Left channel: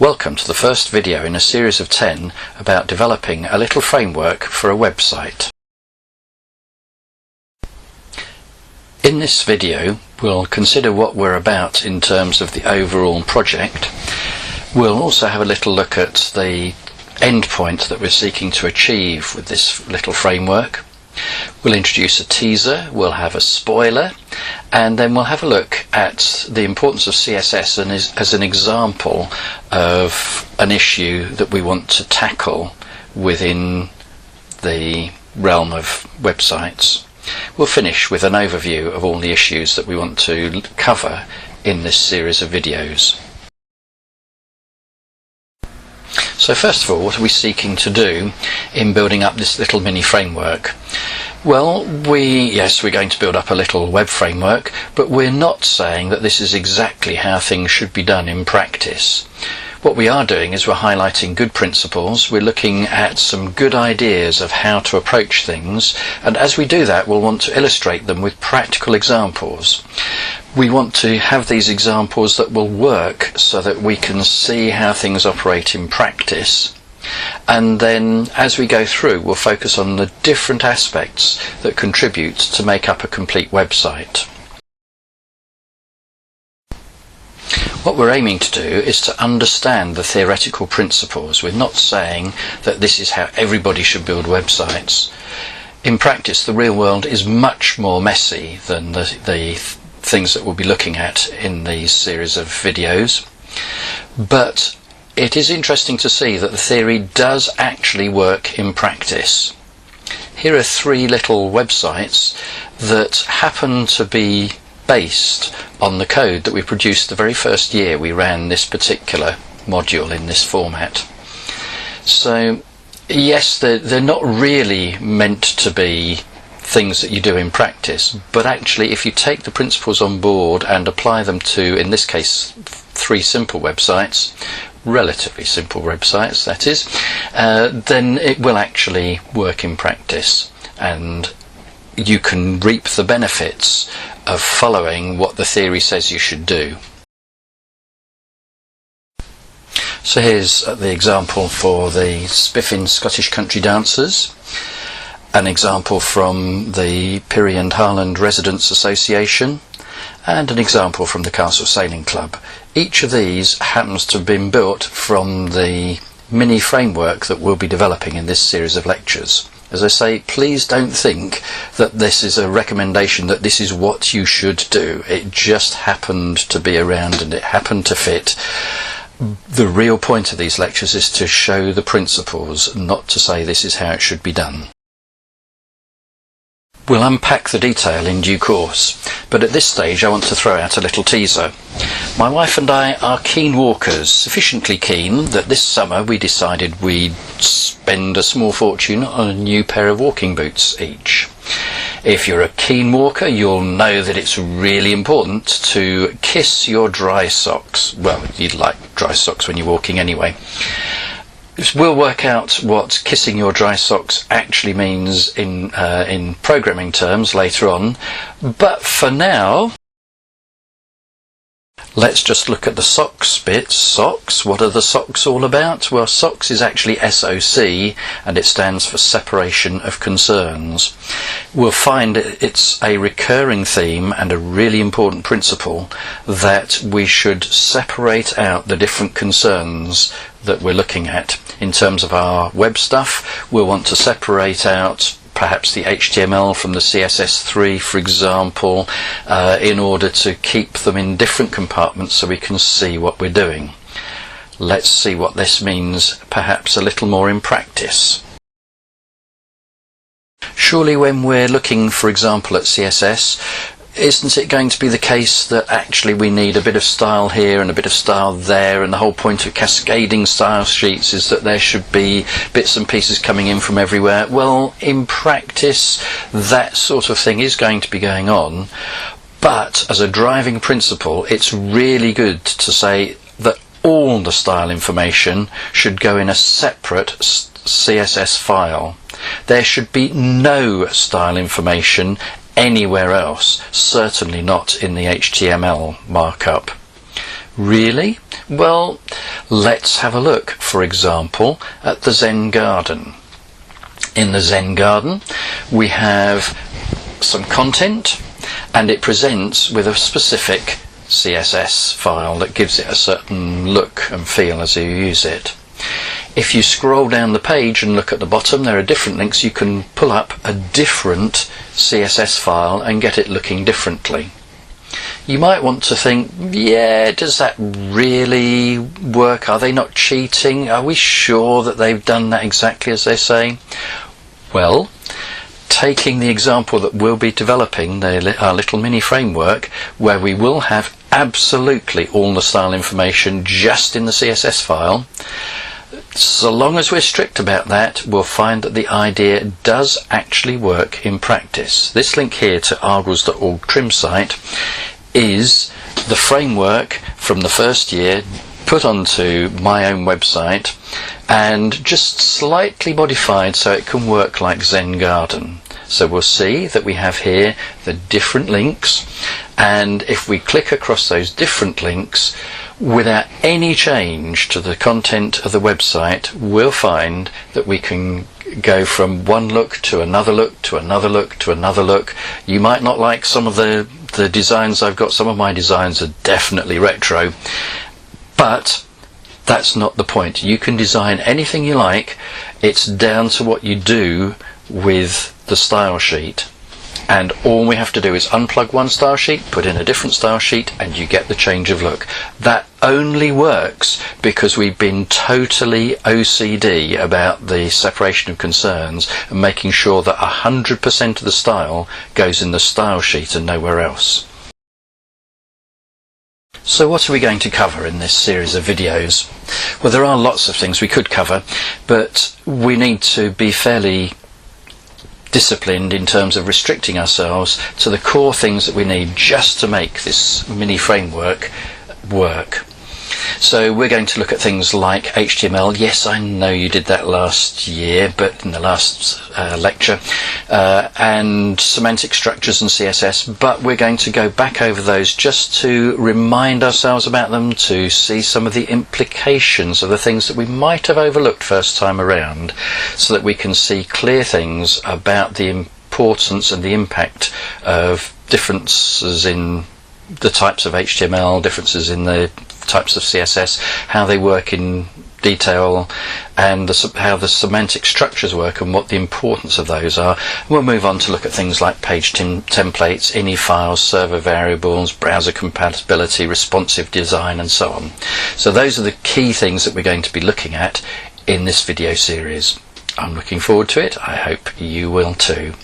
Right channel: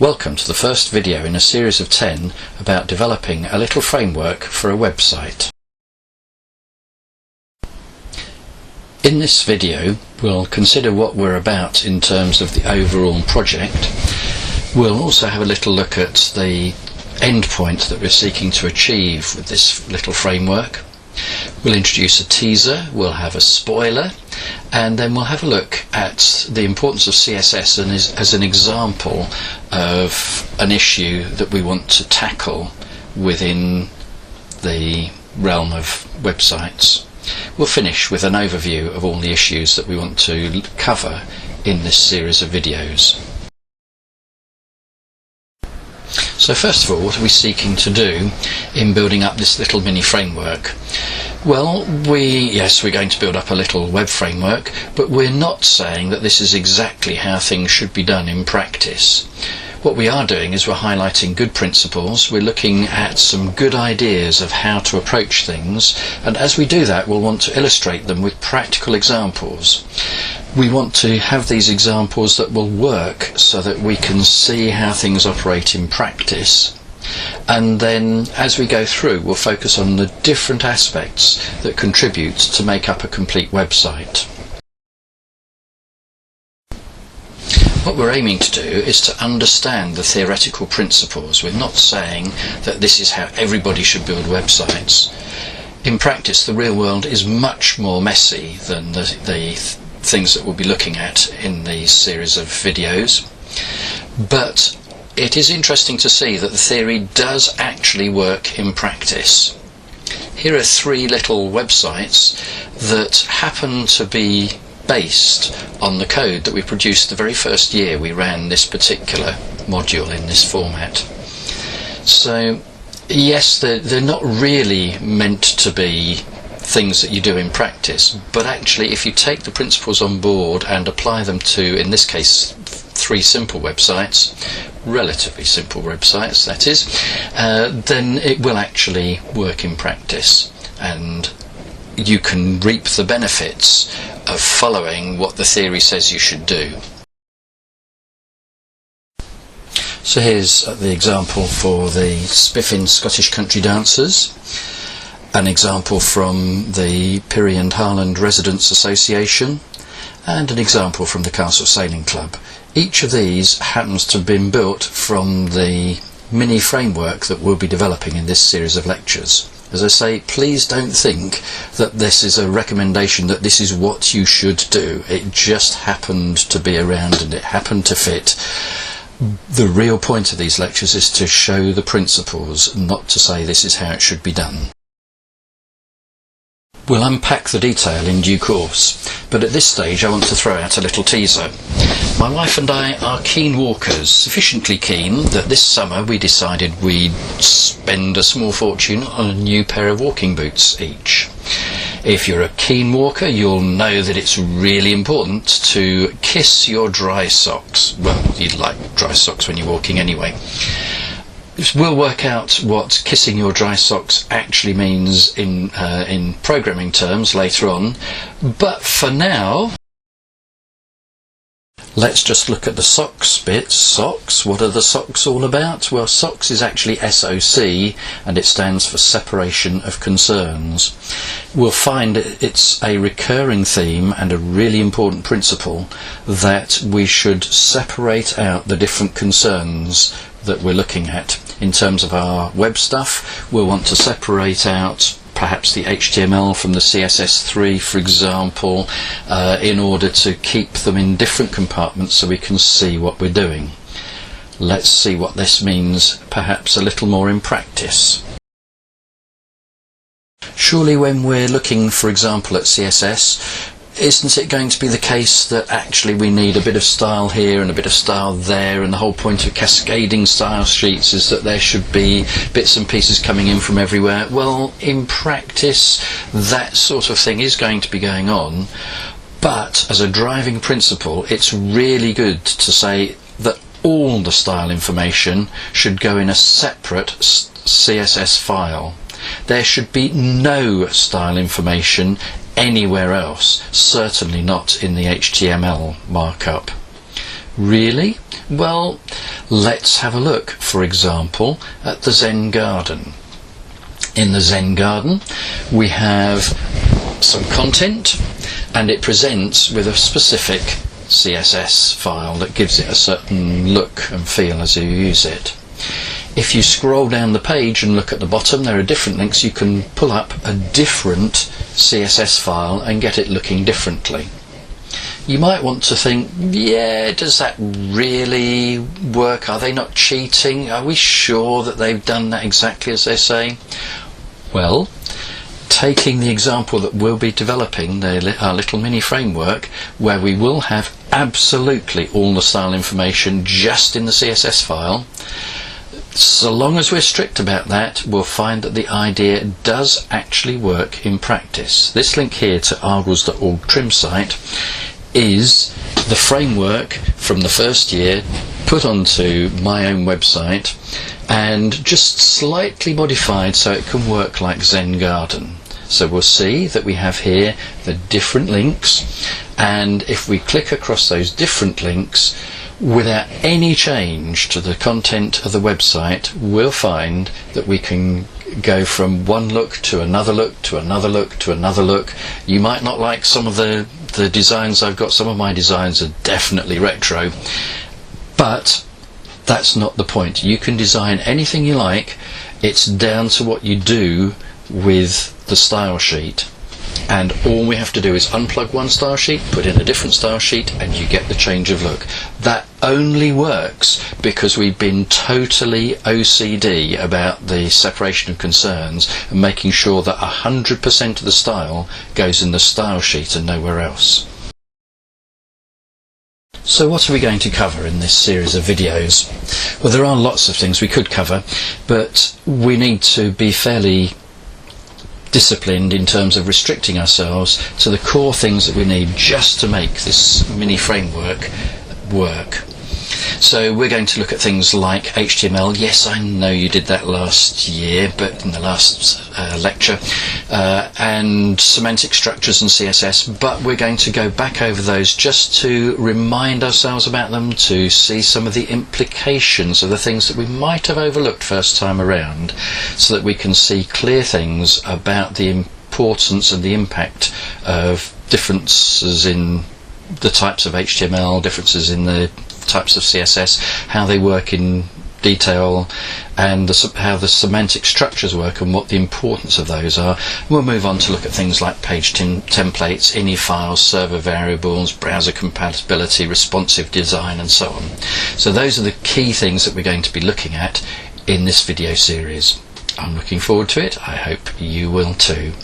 Welcome to the first video in a series of 10 about developing a little framework for a website. In this video we'll consider what we're about in terms of the overall project. We'll also have a little look at the endpoint that we're seeking to achieve with this little framework. We'll introduce a teaser, we'll have a spoiler, and then we'll have a look at the importance of CSS and as an example of an issue that we want to tackle within the realm of websites. We'll finish with an overview of all the issues that we want to cover in this series of videos. So first of all, what are we seeking to do in building up this little mini framework? Well, we're going to build up a little web framework, but we're not saying that this is exactly how things should be done in practice. What we are doing is we're highlighting good principles, we're looking at some good ideas of how to approach things, and as we do that we'll want to illustrate them with practical examples. We want to have these examples that will work so that we can see how things operate in practice, and then as we go through we'll focus on the different aspects that contribute to make up a complete website. What we're aiming to do is to understand the theoretical principles. We're not saying that this is how everybody should build websites. In practice, the real world is much more messy than the things that we'll be looking at in these series of videos. But it is interesting to see that the theory does actually work in practice. Here are three little websites that happen to be based on the code that we produced the very first year we ran this particular module in this format. So yes, they're not really meant to be things that you do in practice, but actually if you take the principles on board and apply them to, in this case, three simple websites, relatively simple websites that is, then it will actually work in practice and you can reap the benefits of following what the theory says you should do. So here's the example for the Spiffing Scottish Country Dancers, an example from the Pirrie and Harland Residents Association, and an example from the Castle Sailing Club. Each of these happens to have been built from the mini framework that we'll be developing in this series of lectures. As I say, please don't think that this is a recommendation that this is what you should do. It just happened to be around and it happened to fit. The real point of these lectures is to show the principles, not to say this is how it should be done. We'll unpack the detail in due course, but at this stage I want to throw out a little teaser. My wife and I are keen walkers, sufficiently keen that this summer we decided we'd spend a small fortune on a new pair of walking boots each. If you're a keen walker, you'll know that it's really important to kiss your dry socks. Well, you'd like dry socks when you're walking anyway. We'll work out what kissing your dry socks actually means in programming terms later on, but for now let's just look at the socks bit. Socks, what are the socks all about? Well, socks is actually SOC and it stands for separation of concerns. We'll find it's a recurring theme and a really important principle that we should separate out the different concerns that we're looking at. In terms of our web stuff, we'll want to separate out perhaps the HTML from the CSS3, for example, in order to keep them in different compartments so we can see what we're doing. Let's see what this means perhaps a little more in practice. Surely when we're looking, for example, at CSS, isn't it going to be the case that actually we need a bit of style here and a bit of style there, and the whole point of cascading style sheets is that there should be bits and pieces coming in from everywhere? Well, in practice that sort of thing is going to be going on, but as a driving principle it's really good to say that all the style information should go in a separate CSS file. There should be no style information anywhere else, certainly not in the HTML markup. Really? Well, Let's have a look, for example, at the Zen Garden. In the Zen Garden we have some content, and it presents with a specific CSS file that gives it a certain look and feel as you use it. If you scroll down the page and look at the bottom, there are different links. You can pull up a different CSS file and get it looking differently. You might want to think, yeah, does that really work? Are they not cheating? Are we sure that they've done that exactly as they say? Well, taking the example that we'll be developing, our little mini framework, where we will have absolutely all the style information just in the CSS file, so long as we're strict about that, we'll find that the idea does actually work in practice. This link here to argles.org trim site is the framework from the first year put onto my own website and just slightly modified so it can work like Zen Garden. So we'll see that we have here the different links, and if we click across those different links without any change to the content of the website, we'll find that we can go from one look to another look to another look to another look. You might not like some of the designs I've got. Some of my designs are definitely retro, but that's not the point. You can design anything you like. It's down to what you do with the style sheet, and all we have to do is unplug one style sheet, put in a different style sheet, and you get the change of look. That only works because we've been totally OCD about the separation of concerns and making sure that 100% of the style goes in the style sheet and nowhere else. So what are we going to cover in this series of videos? Well, there are lots of things we could cover, but we need to be fairly disciplined in terms of restricting ourselves to the core things that we need just to make this mini framework work. So we're going to look at things like HTML. Yes, I know you did that last year, but in the last lecture, and semantic structures and CSS, but we're going to go back over those just to remind ourselves about them, to see some of the implications of the things that we might have overlooked first time around, so that we can see clear things about the importance and the impact of differences in the types of HTML, differences in the types of CSS, how they work in detail, and how the semantic structures work and what the importance of those are. We'll move on to look at things like page templates, ini files, server variables, browser compatibility, responsive design, and so on. So those are the key things that we're going to be looking at in this video series. I'm looking forward to it. I hope you will too.